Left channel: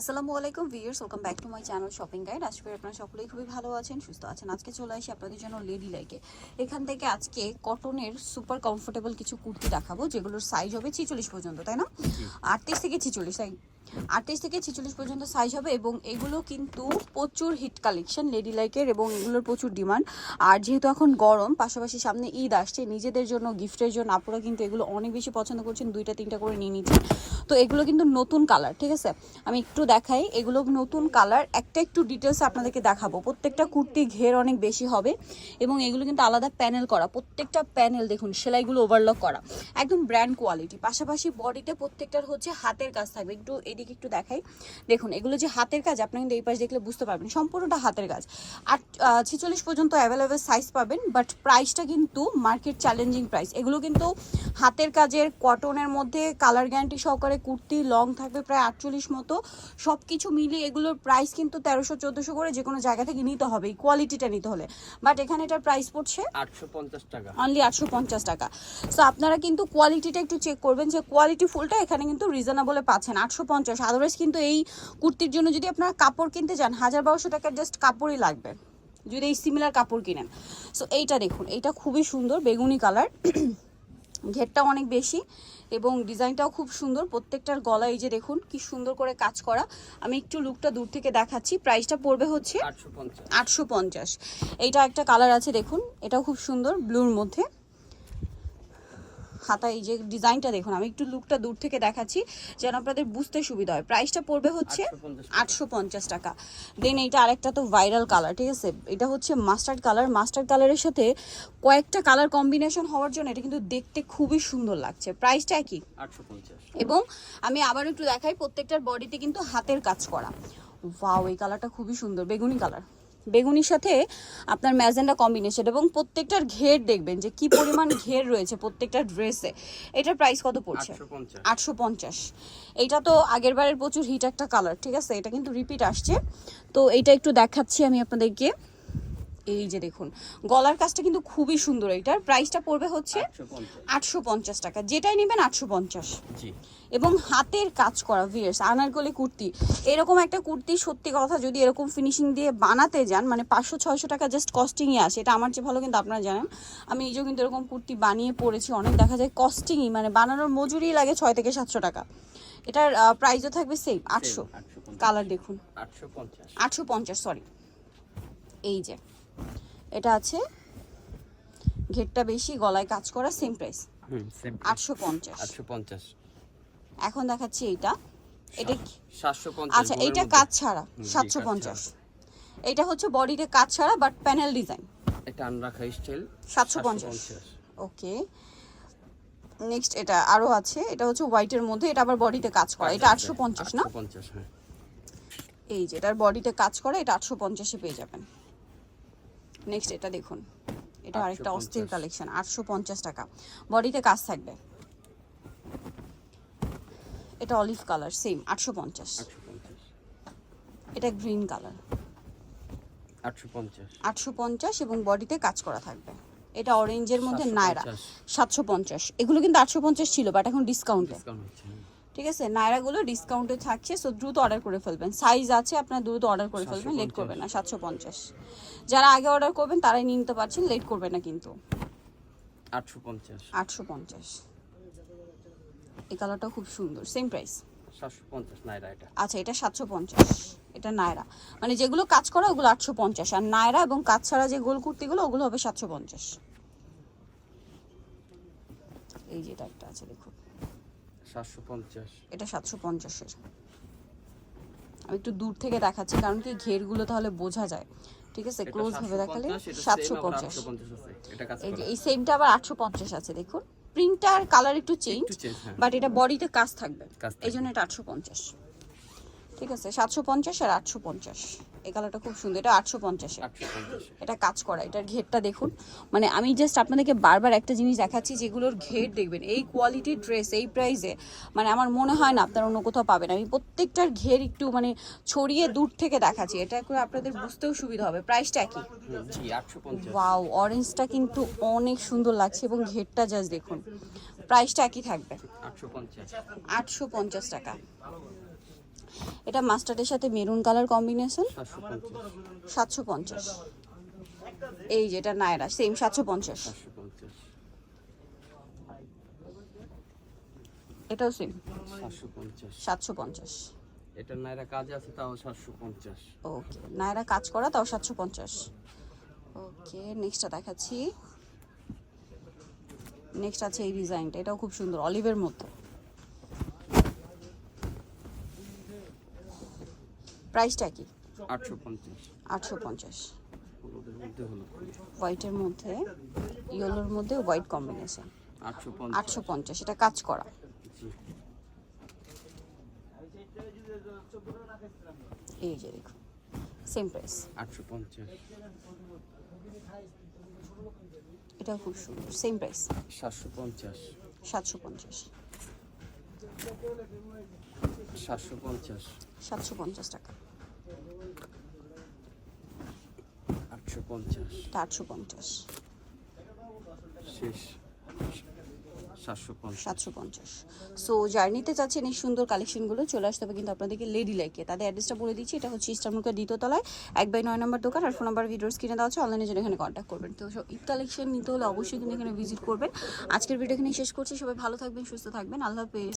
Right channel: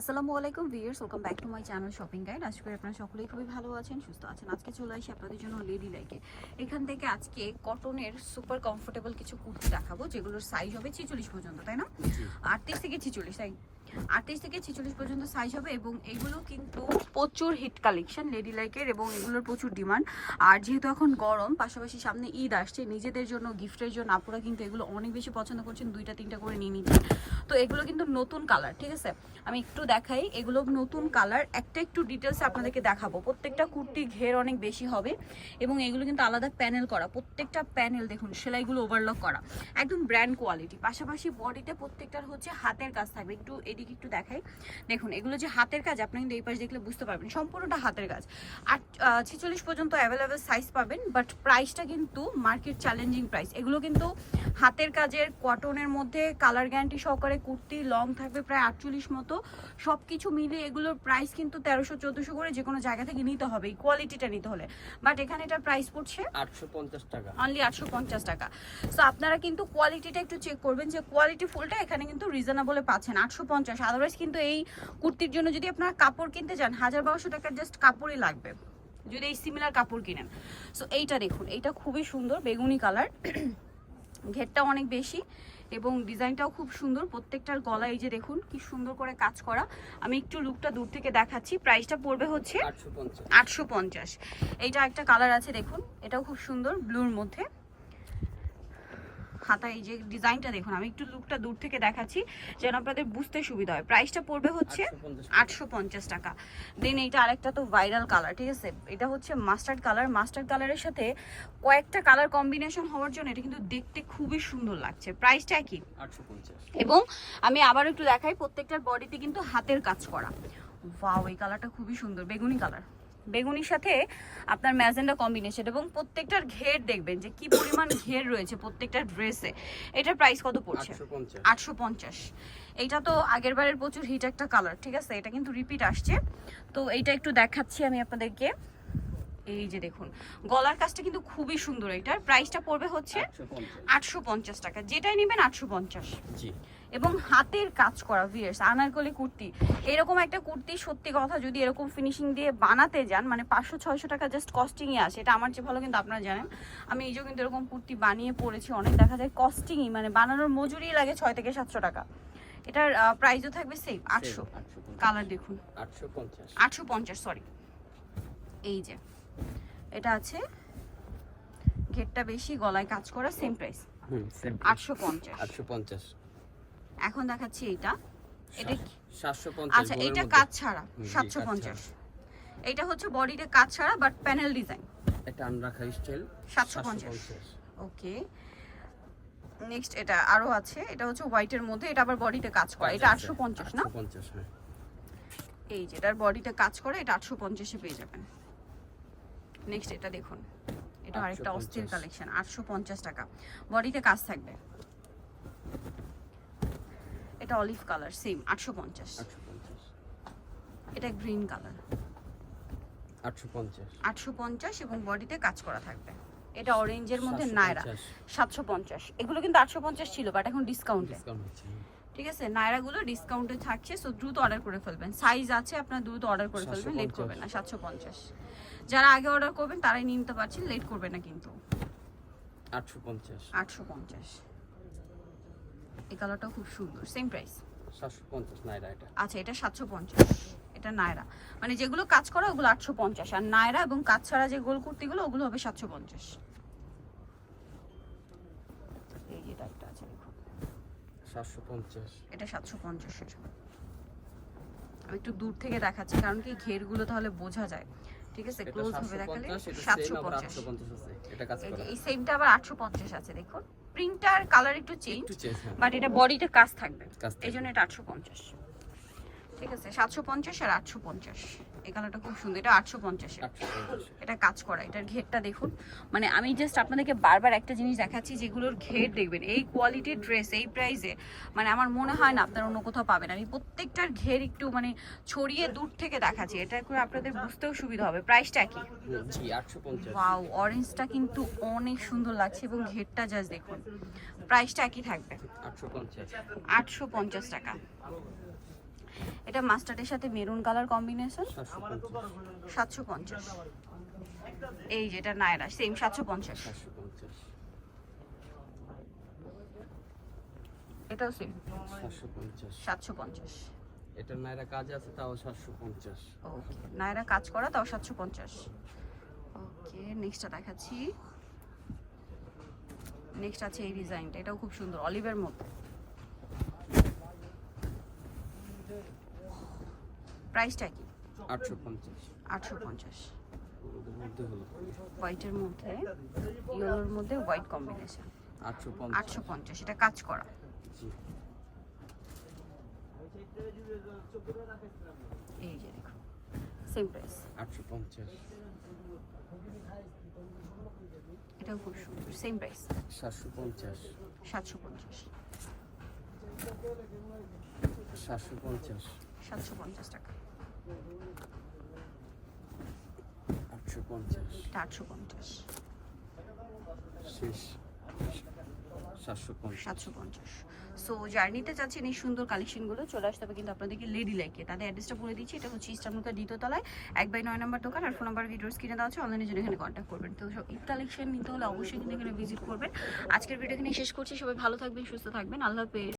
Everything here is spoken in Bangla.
আসসালামু আলাইকুম viewers welcome back to my channel shopping guide. আশা করি আপনারা সকলেই খুবই ভালো আছেন সুস্থ আছেন। আজকে চলে আসি আপনাদের জন্য লেডি লাইকে এখান থেকে আজকে কটনের সুপার কমফোর্টেবল কিছু কুর্তি দেখাবো যেগুলোর সাইজ হবে ছিচল্লিশ পর্যন্ত তাই না? আটত্রিশ থেকে ছিচল্লিশ তাই? আটত্রিশ থেকে ছিচল্লিশ পর্যন্ত সাইজ হবে এবং এগুলো কিন্তু প্রচুর হিট কালেকশন লেডি লাইকের এবং এগুলোর প্রচুর ডিমান্ড আর যেহেতু এখন গরম পাশাপাশি সামনে ঈদ আসছে নিজেদের জন্য গিফটের জন্য আপনারা কিন্তু এগুলো অনেক বেশি পছন্দ করছেন দুইটা তিনটা করে নিয়ে নিচ্ছেন। তো এগুলো কিন্তু নতুন কালার ঠিক আছে? আমি একটু দেখাই, এগুলো নতুন কালার একটা একটু ডিটেলস আপনাদেরকে দেখাবো। প্রত্যেকটা কুর্তি ঘের অনেক বেশি হবে এবং এগুলো কিন্তু আলাদা প্যানেল করা। প্রত্যেকটা প্যানেল দেখুন, সেলাইগুলো ওভারলক করা। একদম ব্র্যান্ড কোয়ালিটি পাশাপাশি বডিতে প্রত্যেকটার হচ্ছে হাতের কাজ থাকবে। একটু এদিকে একটু দেখাই। দেখুন, এগুলো যে হাতের কাজ, আপনি কিন্তু এই পাশ দেখলে বুঝতে পারবেন, সম্পূর্ণটা হাতের কাজ। আর ছেচল্লিশ পর্যন্ত অ্যাভেলেবেল সাইজ পাবেন বাট প্রাইসটা কিন্তু মার্কেট চ্যালেঞ্জিং প্রাইস এগুলো কিন্তু হাতের কাজের কটনের মধ্যে কালার গ্যারান্টি সহকারে কুর্তি লং থাকবে প্রায় আটচল্লিশ মতো। সব কিছু মিলে এগুলোর প্রাইস কিন্তু তেরোশো চোদ্দোশো করে যে কোনো জায়গা থেকে নিতে হবে এই কোয়ালিটিটা নিতে হলে। বাট এখানে এটার প্রাইস পড়ছে আটশো পঞ্চাশ টাকা। অনলি আটশো পঞ্চাশ টাকা। সো আপনারা কিন্তু কোয়ালিটিটা একটু চেক করবেন যে কোয়ালিটি ফুলটা এখানে কিন্তু রিজনেবলে পাচ্ছেন আটশো পঞ্চাশ। আদারওয়াইজ কিন্তু এই কুর্তির জন্য যদি আপনারা কাপড় কিনতে যান হাজার বারোশো টাকার জাস্ট কাপড়ই লাগবে। যদি এই সিমিলার কাপড় কিনেন। সো এইটা দেখুন এইটা খুবই সুন্দর বেগুনি কালার ঘেরটা অনেক বেশি এবং ডিজাইনটাও খুব সুন্দর। প্রত্যেকটার গলা এই যে দেখুন কি সুন্দর করে কাজ করা। আমি একটু লুকটা দূর থেকে দেখাচ্ছি। প্রাইসটা পড়বে হচ্ছে আটশো পঞ্চাশ। আটশো পঞ্চাশ। এইটা একটা কালার আছে দেখুন। এটাও খুব সুন্দর ব্লুর মধ্যে। হাতা এই যে ডিজাইনটা দেখুন আমি একটু লুকটা দূর থেকে দেখাচ্ছি যেন আপনাদের বুঝতে সুবিধা হয়। প্রাইসটা পড়বে হচ্ছে আটশো পঞ্চাশ টাকা। দেন এইটা আরেকটা তো ভাইরাল কালার ঠিক আছে? এটা হচ্ছে মাস্টার্ড কালার মাস্টার্ড কালারের সাথে কয়েকটা কালার কম্বিনেশন হওয়ার জন্য এটা কিন্তু দেখতে খুবই সুন্দর লাগছে। প্রাইসটা একই। এবং আমি আবার একটু দেখাই প্রত্যেকটার বডিতে কিন্তু হাতের কাজ করা। ওয়াও এই কালারটা খুবই সুন্দর বেগুনি কালার বেগুনির সাথে আপনার ম্যাজেন্ডা কম্বিনেশন এবং প্রত্যেকটার ঘের দেখবেন যে কি পরিমাণ ঘের রয়েছে প্রত্যেকটা ড্রেসে। এটার প্রাইস কত পড়ছে? আটশো পঞ্চাশ। এটা তো আগের বারের প্রচুর হিট একটা কালার ঠিক আছে? এটা কিন্তু রিপিট আসছে। তো এটা একটু দেখাচ্ছি আমি আপনাদেরকে। এই যে দেখুন গলার কাজটা কিন্তু খুবই সুন্দর এটার। প্রাইসটা পড়বে হচ্ছে আটশো পঞ্চাশ। টাকা। যেটাই নেবেন আটশো পঞ্চাশ। এবং হাতের কাজ করা ভিয়ার্স আনারকলি কুর্তি। এরকম একটা কুর্তি সত্যি কথা যদি এরকম ফিনিশিং দিয়ে বানাতে যান মানে পাঁচশো ছয়শো টাকা জাস্ট কস্টিংয়ে আসে এটা আমার চেয়ে ভালো কিন্তু আপনারা জানেন। আমি নিজেও কিন্তু এরকম কুর্তি বানিয়ে পড়েছি অনেক দেখা যায় কস্টিংই মানে বানানোর মজুরি লাগে ছয় থেকে সাতশো টাকা। এটার প্রাইসও থাকবে সেম আটশো। আটশো কালার দেখুন। আটশো পঞ্চাশ। আটশো পঞ্চাশ সরি এই যে। এটা আছে। ঘেরটা বেশি গলায় কাজ করা সেম প্রাইস হুম সেম আটশো পঞ্চাশ। আটশো পঞ্চাশ। এখন দেখাচ্ছি এইটা। এটা সাতশো পঞ্চাশ আচ্ছা এইটা কাজ ছাড়া সাতশো পঞ্চাশ। এইটা হচ্ছে বডিতে কাজ ছাড়া বাট প্যানেল ডিজাইন এটা আনরাখা স্টাইল 750 ওকে। নেক্সট এটা আরও আছে। এটা হচ্ছে হোয়াইটের মধ্যে এটা আবার বডিতে কাজ করা। এটা আটশো পঞ্চাশ না? পঞ্চাশ হ্যাঁ। এই যে এটার বডিতে কাজ করা এটা আটশো পঞ্চাশে পেয়ে যাবেন। নেক্সট এটা দেখুন। এটা আরেকটা 850 অস্থির কালেকশন আটশো পঞ্চাশ টাকা। বডিতে কাজ থাকবে। এটা অলিভ কালার সেম আটশো পঞ্চাশ। এটা গ্রিন কালার আটশো পঞ্চাশ। এবং বডিতে কাজ করা থাকবে। এটা অরেঞ্জের মধ্যে 750 নায়রা। সাতশো পঞ্চাশ। এগুলো কিন্তু আটশো পঞ্চাশ ছিল বাট এখন ডিসকাউন্টে ডিসকাউন্ট হচ্ছে হ্যাঁ। ঠিক আছে? নায়রাগুলো ডিসকাউন্টে থাকছে সো দ্রুত অর্ডার করে ফেলবেন। সাইজ আছে আপনার দ্রুত অর্ডার করে ফেলবেন লেট করবেন না সাতশো পঞ্চাশ। যারা আগে অর্ডার করবেন তারাই নিয়ে নিতে পারছেন লেট করবেন না কিন্তু। আটশো পঞ্চাশ। আটশো পঞ্চাশ। এই কালারটা খুব সুন্দর সেম প্রাইস আচ্ছা এটা সাতশো পঞ্চাশ এটা নায়রা মানে যেগুলো কাজ করা ওগুলো আটশো পঞ্চাশ। আর নায়রা এবং কাজ ছাড়া যে গোল কুর্তিগুলো ওগুলো হবে সাতশো পঞ্চাশ এই যেটা একটা আছে দেখুন সাতশো পঞ্চাশ। এটা সাতশো পঞ্চাশের। আমি একটু দূর থেকে দেখাচ্ছি কারণ কি ঘেরগুলো তাহলে বোঝা যায়। ঠিক আছে ক্লোজ ভাবে দেখালে সাতশো পঞ্চাশ এটা এই সেমটা আবার আটশো পঞ্চাশ আছে দেখুন। প্রিন্টার কালার একটু চেঞ্জ একটু চেঞ্জ হ্যাঁ। বাট এটা বডিতে কাজ থাকবে। এই জন্য এটা আটশো পঞ্চাশ। ঠিক আছে সাতশো পঞ্চাশ আর আটশো পঞ্চাশ। এই কালারটা খুব সুন্দর। এটা আটশো পঞ্চাশ এটা কাজ করা এটার ঘেরটা দেখুন। মানে আমি জাস্ট আপনাদেরকে বারবার একটা জিনিস দেখাচ্ছি যেগুলোর ঘের দেখবেন। এই কোয়ালিটির ড্রেস এই প্রাইসে মানে আমার মনে হয় না আপনারা অন্য কোথাও পাবেন। আমি প্রত্যেকটার ঘের একটু মানে ছড়িয়ে দূর থেকে দেখাচ্ছি। এটা করে আপনাদের বুঝতেও সুবিধা হবে। প্রাইসটা কি? ওয়াও অরেঞ্জটা কিন্তু অনেক সুন্দর লাগছে এবং ঘেরটা জাস্ট দেখুন। প্রাইসটা একই থাকবে। আটশো পঞ্চাশ টাকা। এটা মাস্টার্ডের সাথে মেরুন কালার কম্বিনেশন? সাতশো পঞ্চাশ। এই যেটা নায়রা সেম সাতশো পঞ্চাশ। এটাও সেম সাতশো পঞ্চাশ। এটা নাইরা কাজ আছে তাও সাতশো পঞ্চাশ। ওকে নায়রা কাজ করা তাও সাতশো পঞ্চাশ। ওকে নেক্সটটা দেখাচ্ছি। নেক্সট আছে এই ডিজাইনটা এটাও খুব সুন্দর অলিভের মধ্যে প্রাইসটা কি? আটশো পঞ্চাশ। আটশো পঞ্চাশ। হোয়াইটের মধ্যে ইয়েলোর মধ্যে হোয়াইট কম্বিনেশন। আটশো পঞ্চাশ। এটা কাজ করা। এই যে দেখুন সেম প্রাইস আটশো পঞ্চাশ। এটাও খুব সুন্দর সেম প্রাইস সাতশো পঞ্চাশ। সাতশো পঞ্চাশ। সাতশো পঞ্চাশ। সাতশো পঞ্চাশ টাকা। আটশো পঞ্চাশ। আটশো পঞ্চাশ। শেষ। সাতশো পঞ্চাশ। সো জার্নিতে চাচ্ছেন এই সুন্দর কালেকশনগুলো চলে আসতে হবে কিন্তু আপনাদেরকে লেডি লাইকে তাদের অ্যাড্রেসটা বলে দিচ্ছি এটা হচ্ছে ইস্টারমুখের দ্বিতীয় তলায় এক বাই নয় নম্বর দোকান আর ফোন নাম্বার দেওয়া আছে অনলাইনে জন্য এখানে কন্ট্যাক্ট করবেন। তো সব ঈদ কালেকশন নিতে হলে অবশ্যই কিন্তু এখানে ভিজিট করবেন। আজকের ভিডিও এখানে শেষ করছি সবাই ভালো থাকবেন সুস্থ থাকবেন আল্লাহ হাফেজ।